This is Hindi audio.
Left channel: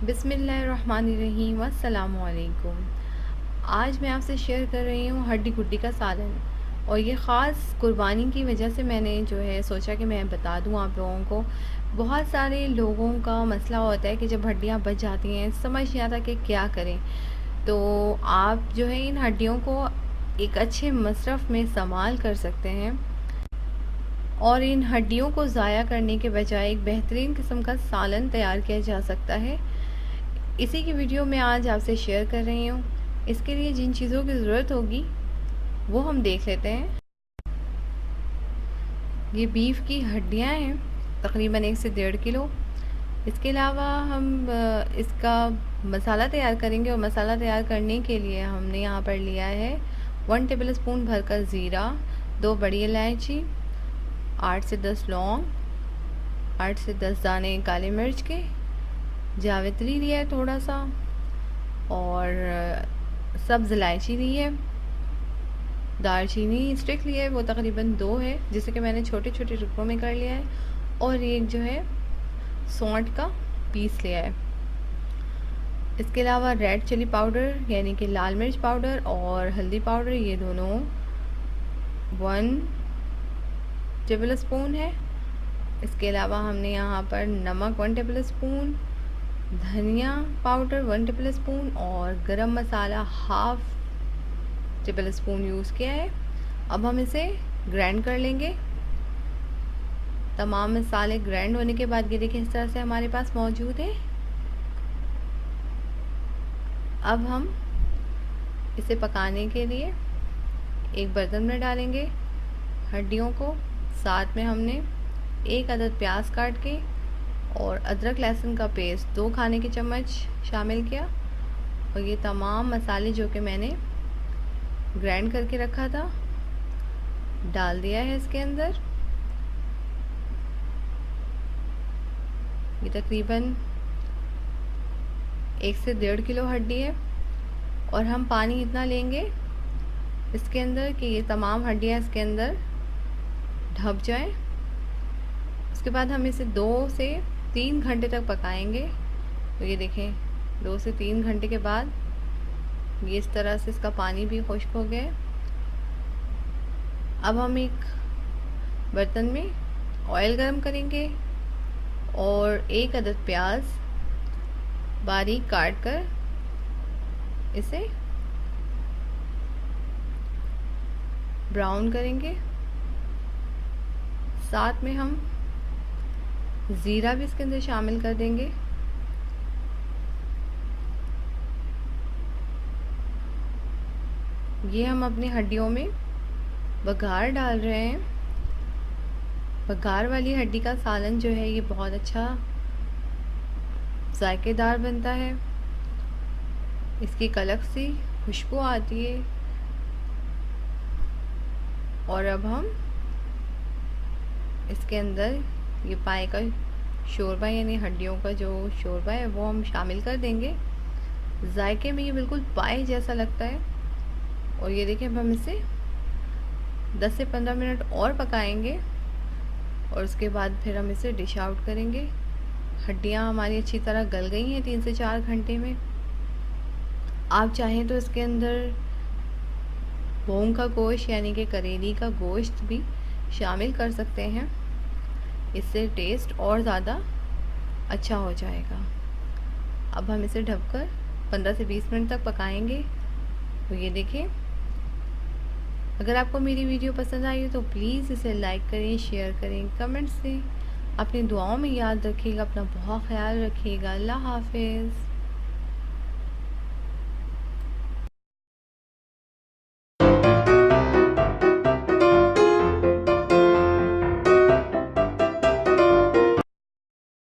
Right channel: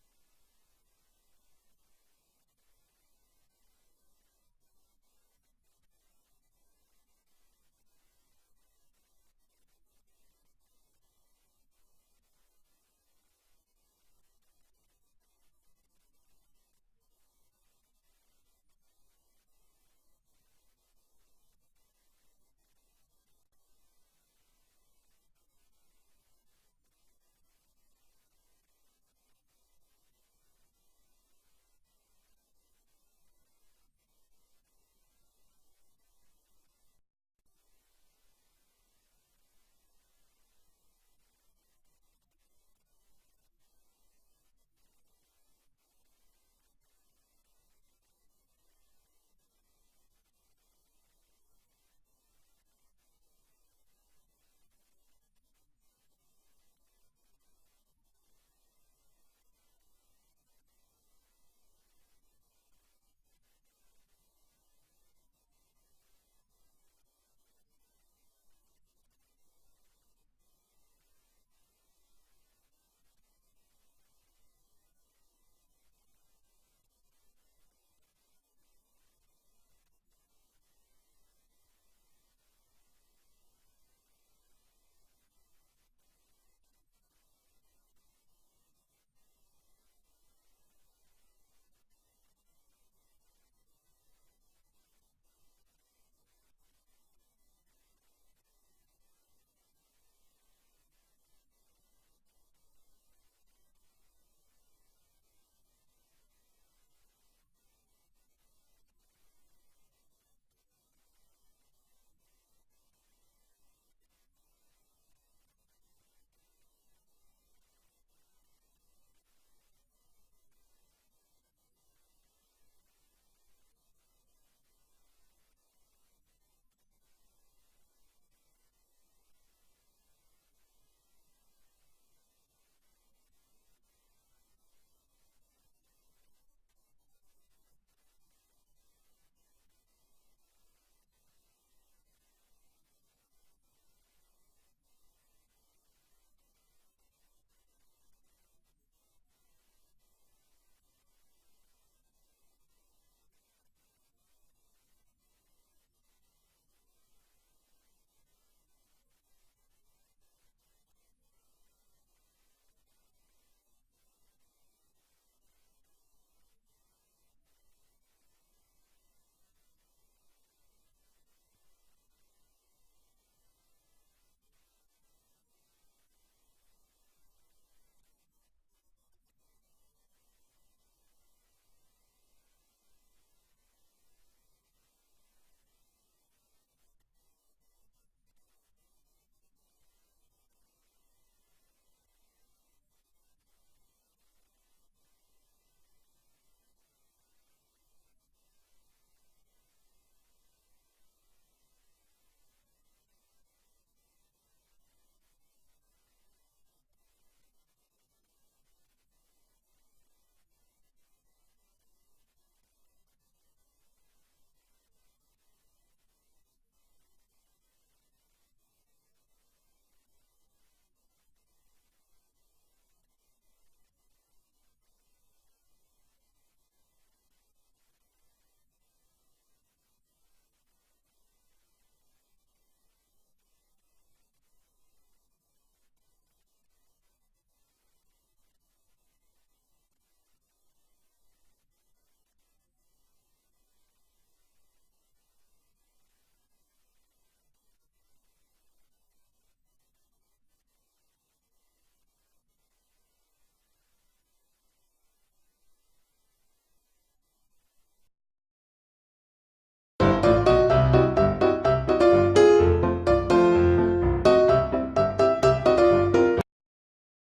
बिस्मिल्लाहिर्रहमानिर्रहीम। अस्सलामुअलैकुम। आज मैं आपसे शेयर कर रही हूँ हड्डी गुड्डी का सालन, और ये ख़ास कुर्बानी की वजह से मैंने जो है सोचा कि मैं बता दूँ आप लोगों को। बहुत सारे लोगों का मसला होता है कि जब हड्डियाँ बच जाती हैं समझ नहीं आता कि क्या करें। तो आप जो है इन हड्डियों को एक अच्छे मसरफ़ में इस्तेमाल कर सकते हैं, और इन हड्डियों को ज़ाया करने के बजाय एक बेहतरीन किस्म का सालन तैयार किया जा सकता है। इसी की वीडियो मैं आज आपसे शेयर कर रही हूँ। इसके लिए जिन चीज़ों की ज़रूरत होगी वो हम देख लेते हैं। ये बीफ की हड्डियाँ हैं, तकरीबन 1 से 1.5 किलो। इसके अलावा हम इसका मसाला तैयार करेंगे, और मसाला तैयार करने के लिए हमने यहाँ पर लिया है 1 टेबल स्पून भरकर ज़ीरा, 2 बड़ी इलायची, 8 से 10 लौंग, 8 से 10 दाने काली मिर्च के, जावित्री लिया है थोड़ा सा, और सब्ज़ इलायची ली है, दालचीनी स्टिक लिया है, वो तकरीबन 2 है, जिसे कि मैंने छोटे छोटे टुकड़ों में कर लिया है, और एक जो है सौंठ का पीस लिया है। इसके अलावा रेड चिली पाउडर यानी कि लाल मिर्च पाउडर और हल्दी पाउडर, ये दोनों 1 टेबल स्पून है। इसके अलावा हमने यहाँ पर नमक 1 टेबल स्पून, धनिया पाउडर 1 टेबल स्पून और गरम मसाला हाफ टेबल स्पून यूज़ किया है। अब हम इसे ग्राइंड कर लेंगे। तमाम मसाले ग्राइंड होने के बाद ये देखिए इस तरह से हमारे पास मौजूद है। अब हम इसे पकाने के लिए एक बर्तन में डालेंगे हड्डियों को। साथ में हमने 1 अदद प्याज काट के और अदरक लहसुन का पेस्ट 2 खाने के चम्मच शामिल किया, और ये तमाम मसाले जो कि मैंने ग्राइंड करके रखा था डाल दिया है इसके अंदर। ये तकरीबन 1 से 1.5 किलो हड्डी है, और हम पानी इतना लेंगे इसके अंदर कि ये तमाम हड्डियाँ इसके अंदर ढप जाएं। उसके बाद हम इसे 2 से 3 घंटे तक पकाएंगे। तो ये देखें 2 से 3 घंटे के बाद ये इस तरह से इसका पानी भी खुश्क हो गया है। अब हम एक बर्तन में ऑयल गरम करेंगे और 1 अदद प्याज बारीक काट कर इसे ब्राउन करेंगे। साथ में हम ज़ीरा भी इसके अंदर शामिल कर देंगे। ये हम अपनी हड्डियों में बघार डाल रहे हैं। बघार वाली हड्डी का सालन जो है ये बहुत अच्छा जायकेदार बनता है। इसकी एक अलग सी खुशबू आती है। और अब हम इसके अंदर ये पाए का शोरबा यानी हड्डियों का जो शोरबा है वो हम शामिल कर देंगे। जायके में ये बिल्कुल पाए जैसा लगता है। और ये देखिए अब हम इसे 10 से 15 मिनट और पकाएंगे, और उसके बाद फिर हम इसे डिश आउट करेंगे। हड्डियाँ हमारी अच्छी तरह गल गई हैं 3 से 4 घंटे में। आप चाहें तो इसके अंदर भोंग का गोश्त यानी कि करेली का गोश्त भी शामिल कर सकते हैं। इससे टेस्ट और ज़्यादा अच्छा हो जाएगा। अब हम इसे ढककर 15 से 20 मिनट तक पकाएंगे। तो ये देखिए, अगर आपको मेरी वीडियो पसंद आई तो प्लीज़ इसे लाइक करें, शेयर करें, कमेंट्स दें। अपनी दुआओं में याद रखिएगा। अपना बहुत ख्याल रखिएगा। अल्लाह हाफिज़।